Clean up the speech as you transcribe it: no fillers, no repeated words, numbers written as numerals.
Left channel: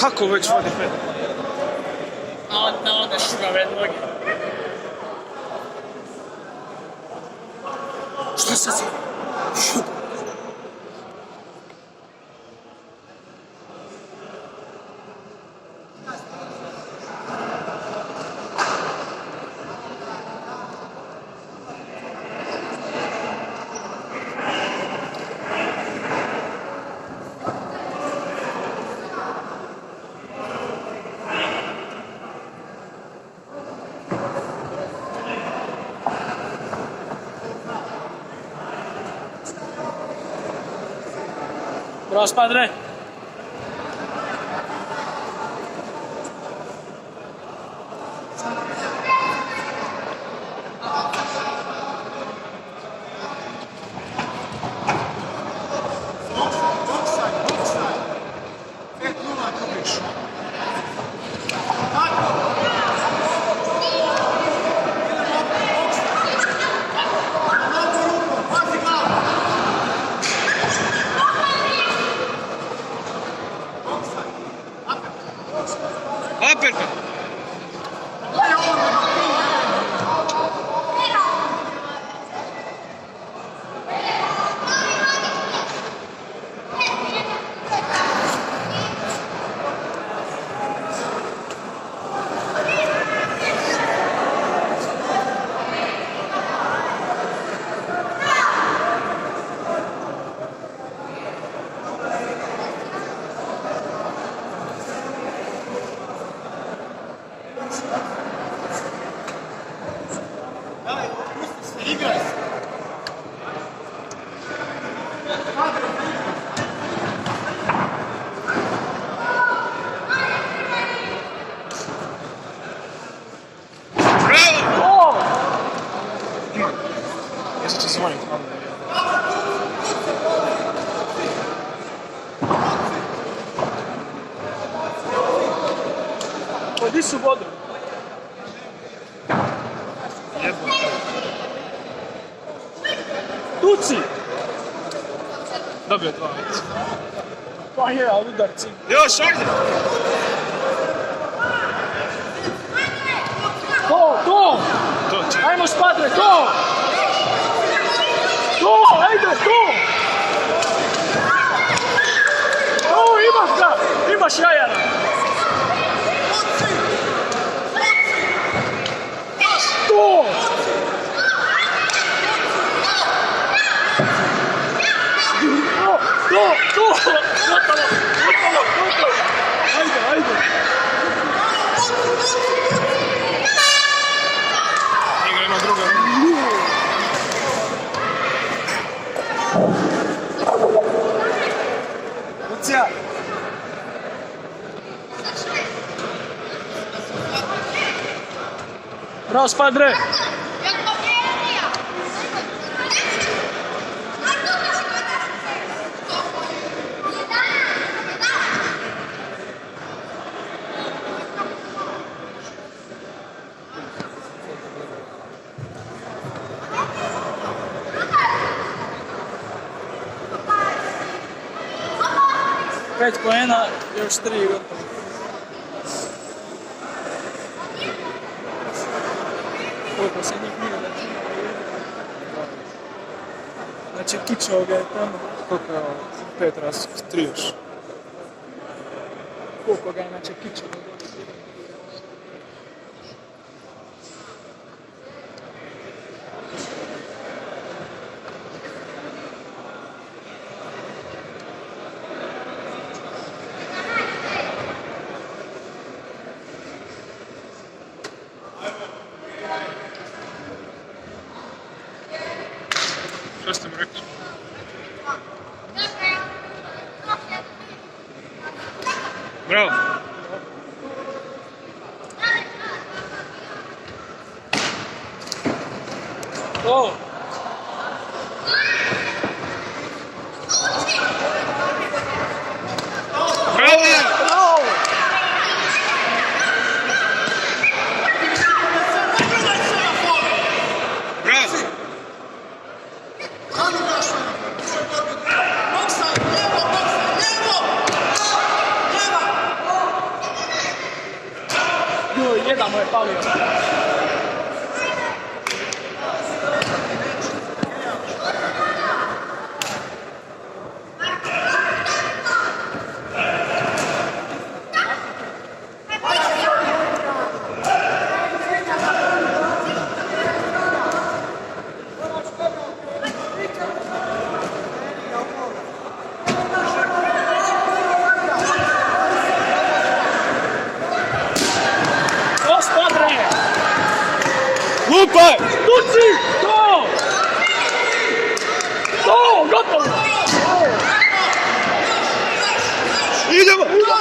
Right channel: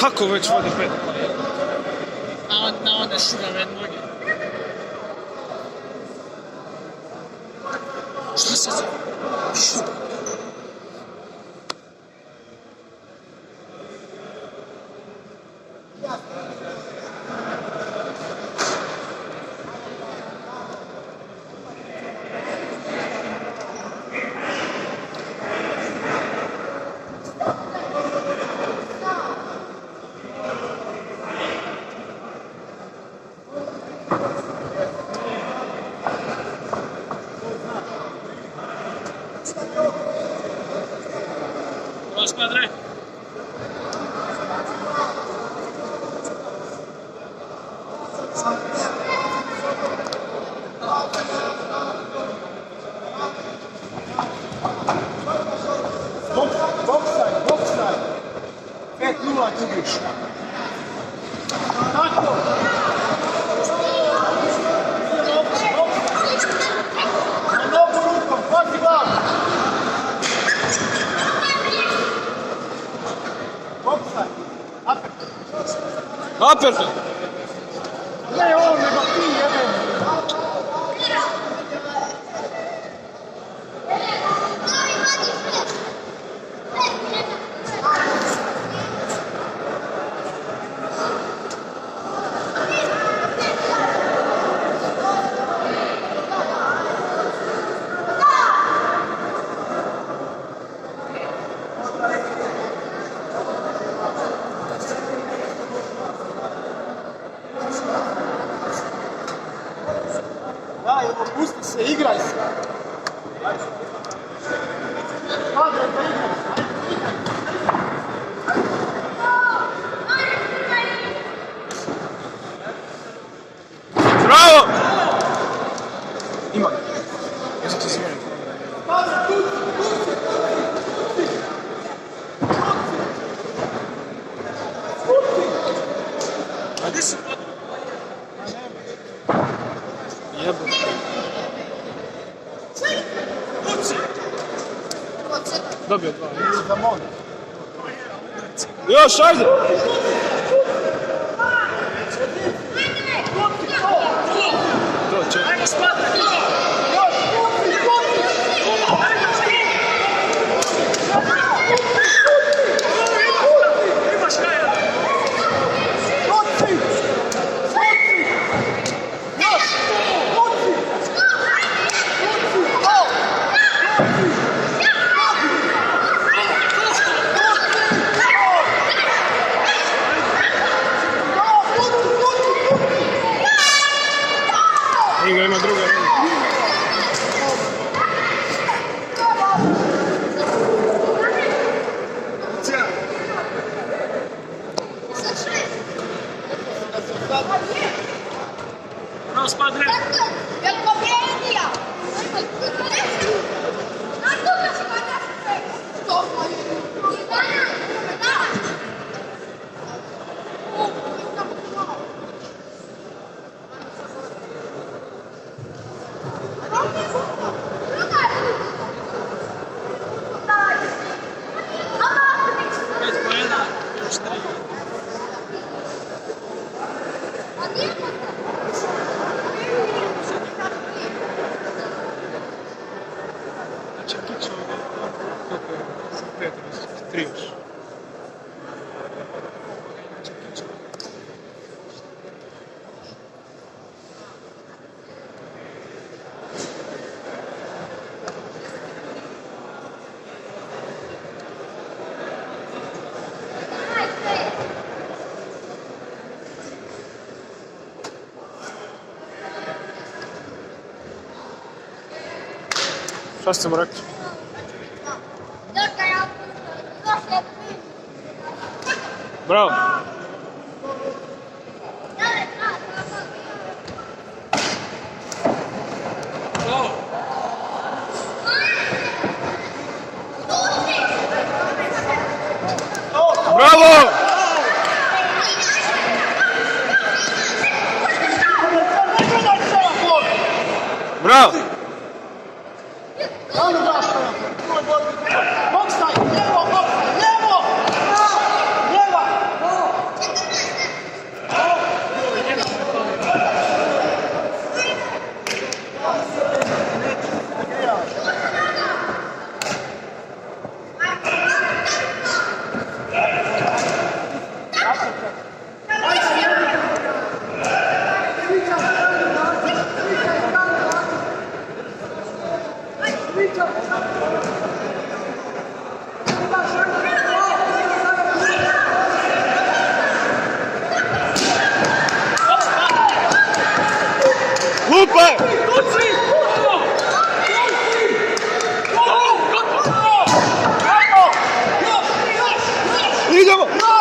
Kako već vodi pet? Na one šugave noge. Što se zove? Rozpadre. Boksa. 5-0 gubiš. Uppercut. Ne, on je da ti pusti se, igraj se. Bravo! Ima. Ja sad ću se manjim. Odi su vodu. Jebo. Tuci! Dobio 2. Pa je, ali udarci. Još, ajde! To! To, čekaj. Ajmo spadre, to! To, ajde, to! O, imaš ga! Imaš jaja! Igra ima druga runda. Lucija. Bravo, spadre! Pet poena, još 3. Znači, kića ovoga je tamo. Koliko je ovo? 5 raz, 3 još. Koliko ga, znači, kića. Šta ste mu rekli? Bravo! O! Bravo! Bravo! Rano gaša na tu je borbi. Boksa, lijevo, boksa, lijevo! Lijeva! Lupaj! Tuci! To! To! Gotovo! Idemo!